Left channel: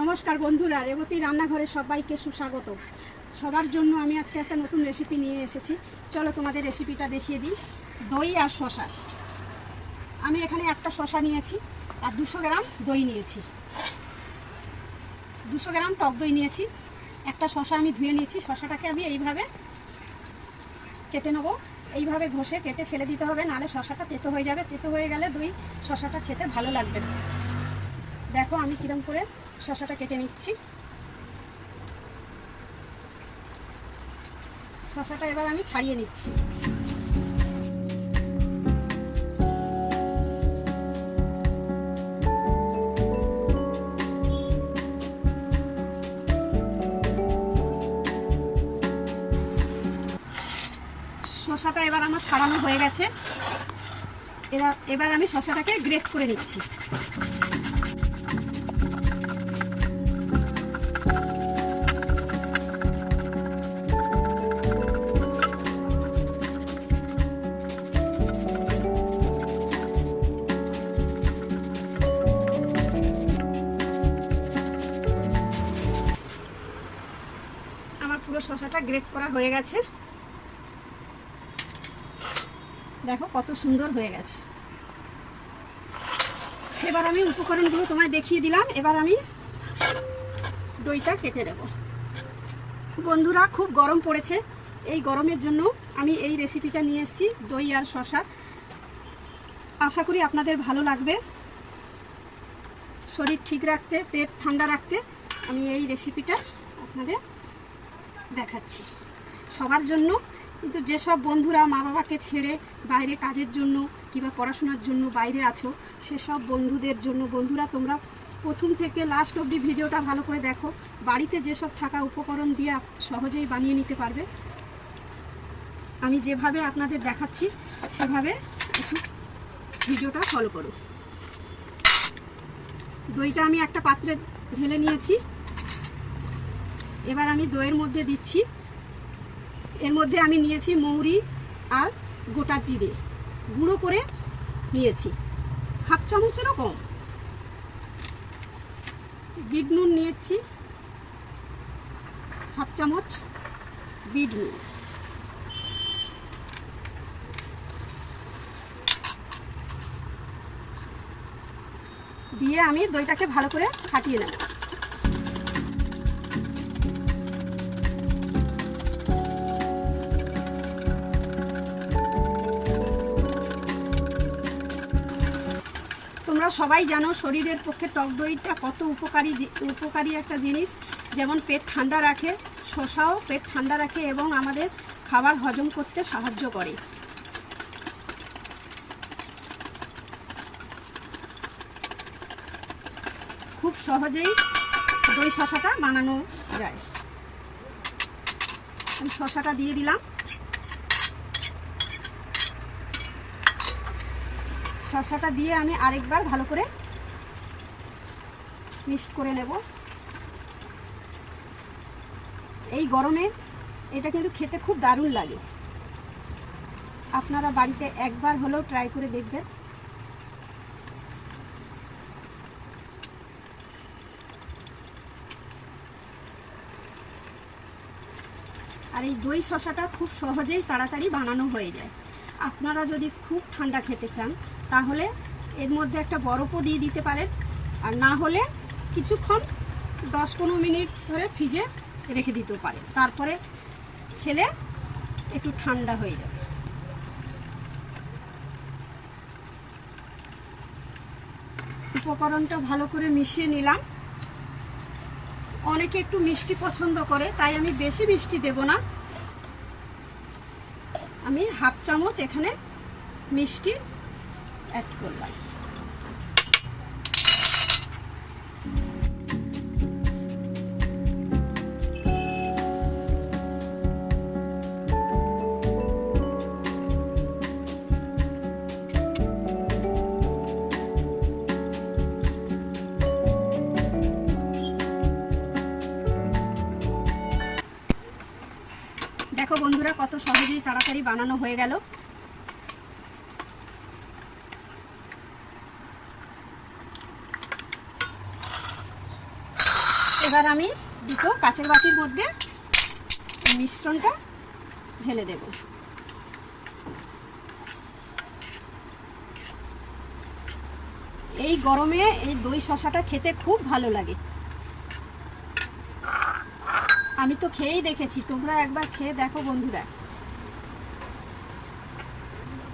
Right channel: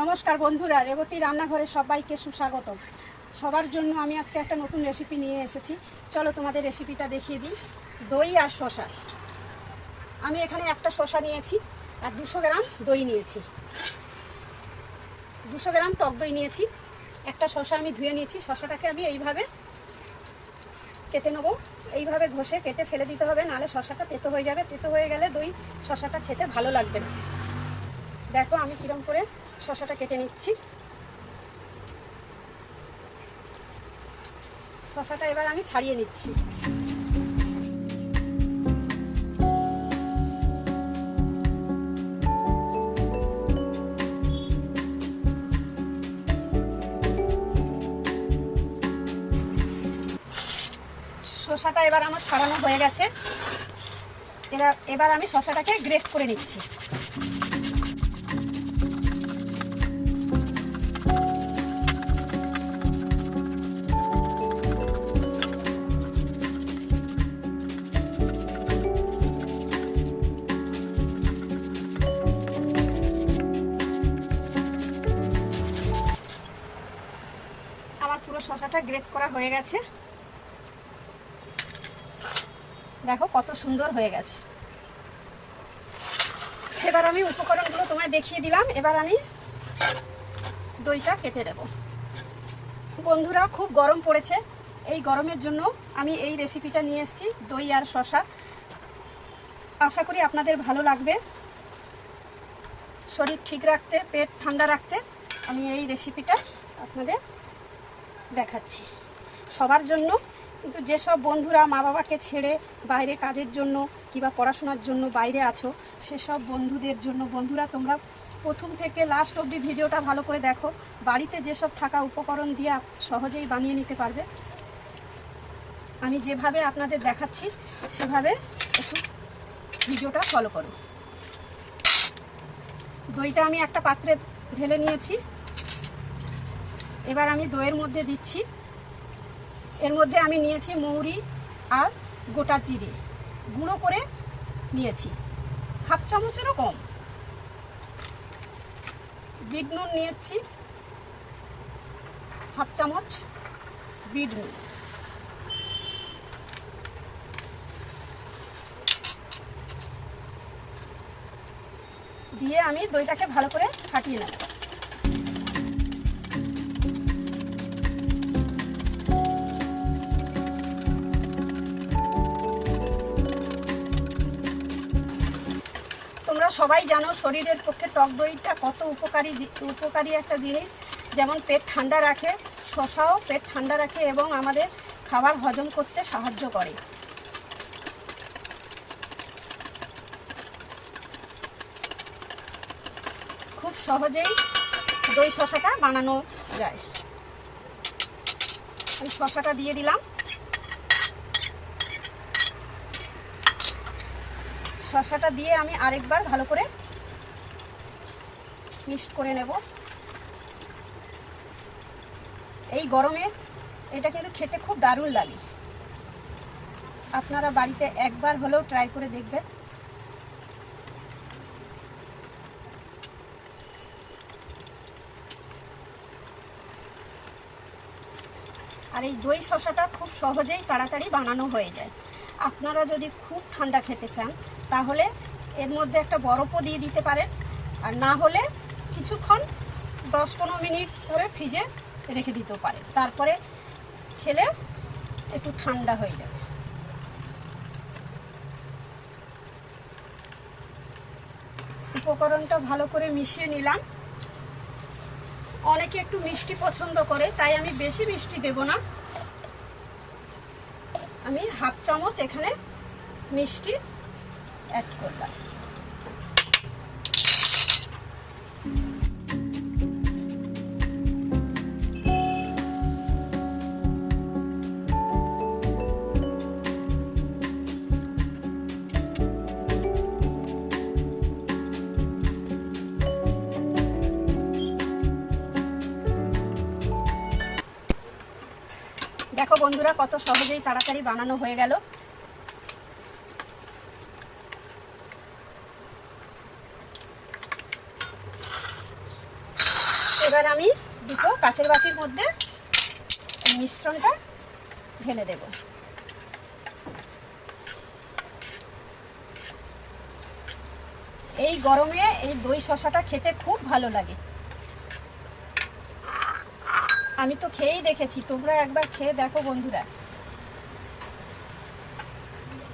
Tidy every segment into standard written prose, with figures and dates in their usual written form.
নমস্কার বন্ধুরা, রেবতী রান্নাঘরে সবাইকে সুস্বাগত। সবার জন্য আমি আজকে একটা নতুন রেসিপি নিয়ে এসেছি। চলো তোমাদের রেসিপিটা দেখিয়ে দিই। দই আর শসা। আমি এখানে একটা শসা নিয়েছি আর 200 গ্রাম দই নিয়েছি, 200 গ্রাম টক দই নিয়েছি। একটা শসা আমি ধুয়ে নিয়েছি। শসাটাকে আমি এইভাবে কেটে নেব। এইভাবে ঘষে কেটে ফেলে দিতে হবে, নাহলে শসাটা তেতো হয়ে যাবে। তেতো হয়ে গেলে দই শসাটা খেতে ভালো লাগবে না। দেখো আমি কিরম করে শসাটা কেটে নিচ্ছি। শসাটা এবার আমি ছাড়িয়ে নিচ্ছি। শসাটা এবার আমার ছাড়ানো হয়ে গেছে। এবার আমি শসাটাকে গ্রেট করে নিচ্ছি। আমার পুরো শসাটা গ্রেট করা হয়ে গেছে। দেখো কত সুন্দর হয়ে গেছে। এবার আমি উপকরণগুলো তোমায় দেখিয়ে দিলাম। এবার আমি দইটা কেটে দেব। বন্ধুরা, খুব গরম পড়েছে। এই গরমের জন্য আমি এই রেসিপিটা নিয়ে এসেছি, দই আর শসা। আশা করি আপনাদের ভালো লাগবে। শরীর ঠিক রাখতে, পেট ঠান্ডা রাখতে আমি এই রেসিপিটা আপনাদের দেখাচ্ছি। সবার জন্য, কিন্তু যেসব বন্ধুরা মা বাবাকে ছেড়ে বাইরে কাজের জন্য কিংবা পড়াশোনার জন্য বাইরে আছো, সেসব বন্ধুদের জন্য। বন্ধুরা, তোমরা প্রথম থেকে লাস্ট অবধি ভিডিওটা ভালো করে দেখো। বাড়িতে যেসব থাকা উপকরণ দিয়ে সহজেই বানিয়ে নিতে পারবে। আমি যেভাবে আপনাদের দেখাচ্ছি সেভাবে একটু ভিডিওটা ফলো করুন। দইটা আমি একটা পাত্রে ঢেলে নিয়েছি। এবার আমি দইয়ের মধ্যে দিচ্ছি। এর মধ্যে আমি নিয়েছি মৌরি আর গোটা জিরে গুঁড়ো করে নিয়েছি, হাফ চামচেরও কম। বিট নুন নিয়েছি, হাফ চামচ বিট নুন। দিয়ে আমি দইটাকে ভালো করে ফাটিয়ে নেব। তোমরা সবাই জানো শরীরের পক্ষে টক দইটা কত উপকারী একটা জিনিস। যেমন পেট ঠান্ডা রাখে, শসাও পেট ঠান্ডা রাখে এবং আমাদের খাবার হজম করতে সাহায্য করে। খুব সহজেই দই শসাটা বানানো যায়। আমি শসাটা দিয়ে দিলাম। শসাটা দিয়ে আমি আরেকবার ভালো করে মিক্সড করে নেব। এই গরমে এটা কিন্তু খেতে খুব দারুণ লাগে। আপনারা বাড়িতে একবার হলেও ট্রাই করে দেখবেন। আর এই দই শসাটা খুব সহজেই তাড়াতাড়ি বানানো হয়ে যায়। আপনারা যদি খুব ঠান্ডা খেতে চান তাহলে এর মধ্যে একটা বরফও দিয়ে দিতে পারেন, আর না হলে কিছুক্ষণ 10-15 মিনিট ধরে ফ্রিজে রেখে দিতেও পারেন। তারপরে খেলে একটু ঠান্ডা হয়ে যাবে। উপকরণটা ভালো করে মিশিয়ে নিলাম। অনেকে একটু মিষ্টি পছন্দ করে, তাই আমি বেশি মিষ্টি দেব না। আমি হাফ চামচ এখানে মিষ্টি অ্যাড করলাম। দেখো বন্ধুরা, কত সহজেই তাড়াতাড়ি বানানো হয়ে গেল। এবার আমি দুটো কাচের বাটির মধ্যে মিশ্রণটা ঢেলে দেব। এই গরমে এই দই শসাটা খেতে খুব ভালো লাগে। আমি তো খেয়েই দেখেছি, তোমরা একবার খেয়ে দেখো বন্ধুরা।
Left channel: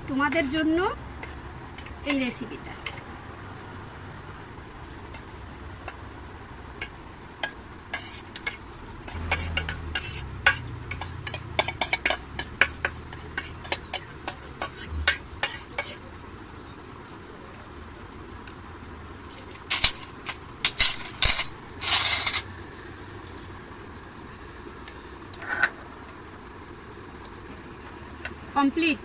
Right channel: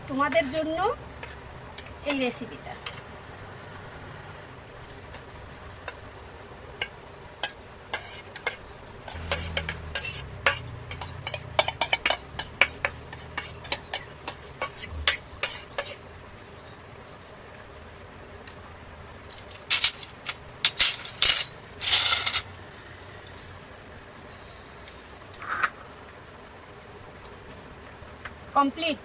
তোমাদের জন্য এই রেসিপিটা। কমপ্লিট।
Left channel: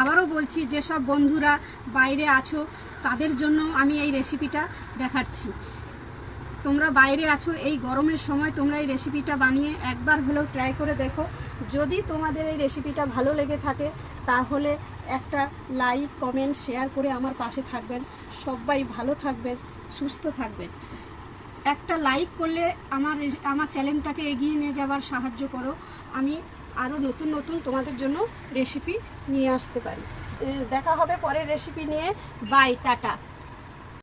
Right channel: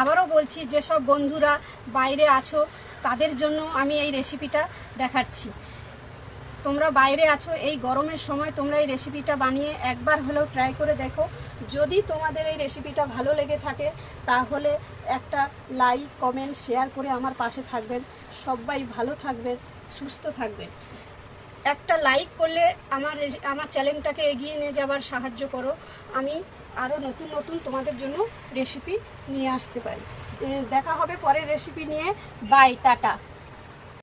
আবারও বলছি, যেসব বন্ধুরা বাইরে আছো তাদের জন্য আমি এই রেসিপিটা দেখাচ্ছি। তোমরা বাইরে আছো, এই গরমের সময় তোমরা এই রেসিপিটা বানিয়ে একবার হলেও ট্রাই করে দেখো। যদি তোমাদের এই রেসিপিটা ভালো লেগে থাকে তাহলে একটা লাইক, কমেন্ট, শেয়ার করে আমার পাশে থাকবেন। সবাই ভালো থাকবেন, সুস্থ থাকবেন। একটা লাইক করলে আমার চ্যানেলটাকে এগিয়ে নিয়ে যাবার সাহায্য করো। আমি আরও নতুন নতুন তোমাদের জন্য রেসিপি নিয়ে আসতে পারি। দেখা হবে পরের রেসিপি নিয়ে। Bye, tata.